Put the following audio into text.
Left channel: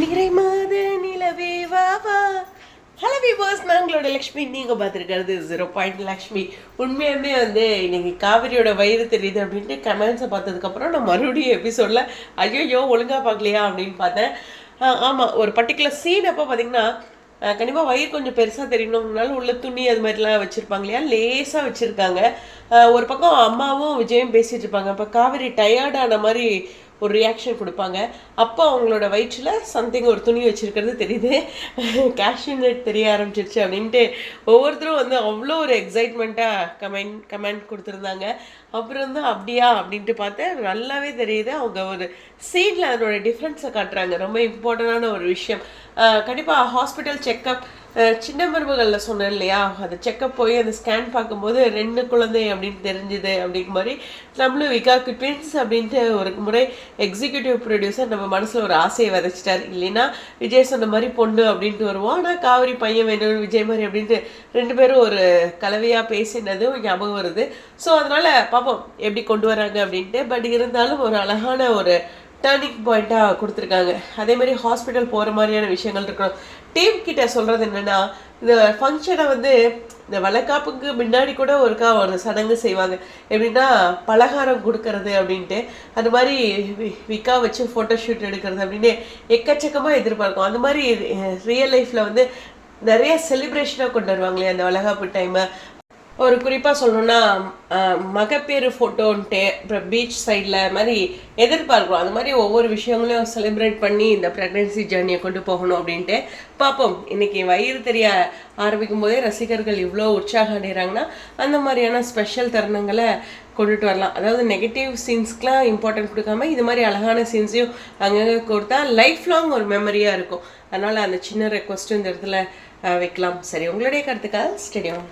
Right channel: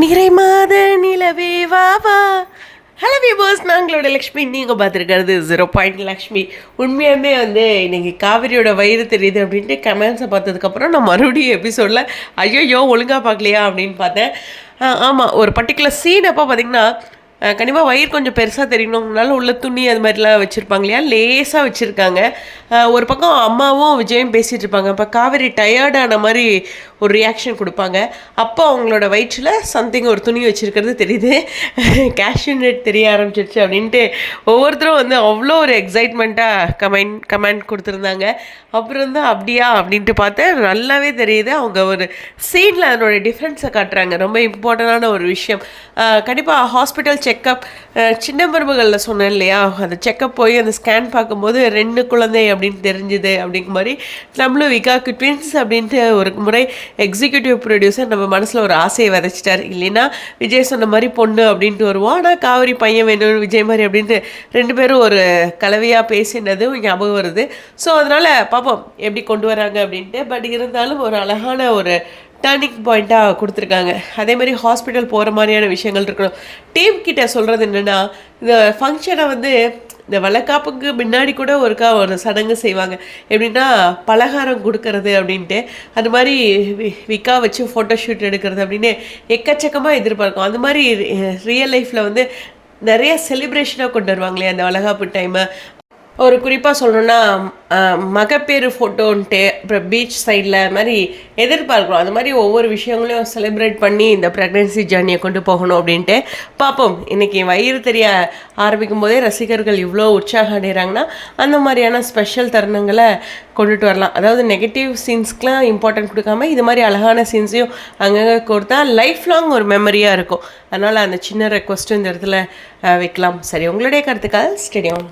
நிறைமாத நிலவே வா வா. ஹலோ வியூவர்ஸ் நாங்களோட லக்ஷ்மி. நீங்கள் பார்த்துருக்கிறது ஜீரோ பாயிண்ட் லக்ஷ்மி உண்மையாகவே வந்து இன்னைக்கு காவிரியோட வயிறு தெரியுது அப்படின்ட்டு கமெண்ட்ஸை பார்த்ததுக்கப்புறம் நான் மறுபடியும் எபிசோடில் ஐயோ ஒழுங்காக பார்க்கலையா அப்படின்னு பார்த்தேன். ஆமாம் ஒரு பர்டிகுலர் சீன் அப்போ பார்த்தீங்கன்னா கண்டிப்பாக வயிறு கொஞ்சம் பெருசாக தெரியணும்னால உள்ள துணி அது மாதிரிலாம் வச்சுருப்பாங்க இல்லையா? லேசாக வச்சுருக்காங்க. ஒரு பக்கம் அம்மாவும் விஜயும் பேசிகிட்டு இருப்பாங்க. அப்போ காவேரி டயர்டான மாதிரி ஒரு ரியாக்ஷன் கொடுப்பாங்க. அப்போ அவங்களோட வயிற்றில் சம்திங் ஒரு துணி வச்சுருக்கிறது தெரியுது. கேஷ்யூ நெட் தெரிய ஆரம்பிச்சிருச்சு அப்படின்ட்டு ஒவ்வொருத்தரும் வந்து அவ்வளோ ஒரு எக்ஸைட்மெண்ட்டாக கமெண்ட் கமெண்ட் கொடுத்துருந்தாங்க. அப்புறம் தான் அப்படியா? அப்படின்ட்டு பார்த்தேன் நல்லாவே தெரியுது. அவங்க ஒரு சீனில் அதனோட டிஃப்ரென்ஸை காட்டுறாங்க. ரொம்ப இம்பார்ட்டண்டான ஒரு விஷயம். கண்டிப்பாக ஹாஸ்பிட்டல் செக் செக்கப் சின்ன மருமகளில் சொன்னேன் இல்லையா? அந்த செக்கப் போய் அந்த ஸ்கேன் பார்க்கும்போது ரெண்டு குழந்தை அப்படின்னு தெரிஞ்சுது அப்படிங்கிற மாதிரி நம்மளும் விகாக்கு ட்வின்ஸ் அப்படின்ட்டு ஒரு முறை எக்ஸிக்யூட்டிவ் ப்ரொடியூசர் நம்ம மனசில் ஒரு ஆசையை விதைச்சிட்டார். இல்லைன்னா விஜய் சொன்ன மாதிரி பொண்ணு அப்படின்ட்டு வருவோம். ஆனால் காவிரி பையன் வேணும் விஜய் மாதிரி அப்படின்ட்டு ரெண்டு பேரும் ஒரு கலவையாக பேசினதும் ஞாபகம் வருது. ஸோ அதனால் பார்ப்போம் எப்படி கொண்டு வராங்க அப்படின்ட்டு. பட் இருந்தாலும் ஒரு அழகான ஒரு டேர்னிங் பாயிண்ட்டாக கொடுத்துருக்காங்க. அதே மாதிரி ஹாஸ்பிட்டல் போகிற மாதிரியான விஷயங்கள் இருக்கணும். டீம் கிட்ட சொல்கிறது என்னென்னா இந்த ஃபங்க்ஷனை வந்து இந்த வளக்காப்புக்கு முன்னாடி கூட ஒருக்கா ஒரு சடங்கு செய்வாங்க. எப்படின்னா பலகாரம் கொடுக்கறது அப்படின்ட்டு. அது மாதிரி வி- விக்கா வச்சு ஃபோட்டோ ஷூட் எடுக்கிறது அப்படின்னு எக்கச்சக்கமாக எதிர்பார்க்கும். அந்த மாதிரி ரியல் லைஃப்பில் வந்து நிறைய செலிப்ரேஷனாக கொண்டு வருவாங்களே அந்த வளகாப்பு டைமை ஒரு குறிப்பாக சொல்லணும்னா மகப்பேறு ஃபோட்டோன்ட்டு அப்புறம் பீச் சைடில் மாதிரி எதிர்பார்க்குறோம். அது மாதிரி ஒவ்வொரு விஷயங்களையும் செலிப்ரேட் பண்ணி இந்த ப்ரெக்னென்சி ஜேர்னியை கொண்டு போகணும் அப்படின்ட்டு பார்ப்போம். இன்றைக்கி வயிறு தெரிய ஆரம்பிக்கும் போதே ரசிகர்கள் இவ்வளோ உற்சாகம் அடைகிறாங்கன்னா அந்த மாதிரியான ஸ்பெஷல் தருணங்களை கொண்டுட்டு வரலாம். அதாவது நெகட்டிவ் சீன்ஸ்க்கெலாம் இம்பார்ட்டன்ட் கொடுக்காம இது மாதிரி அழகான சீன்ஸையும் அங்கங்கே கொடுத்தா லைஃப் லாங் ஒரு மெமரியாக இருக்கும். அதனால் அந்த சின்ன ரெக்வஸ்ட்டும் இந்த இடத்துல வைக்கலாம். சரி உங்களுடைய கருத்துக்காக ஸ்டேடியம்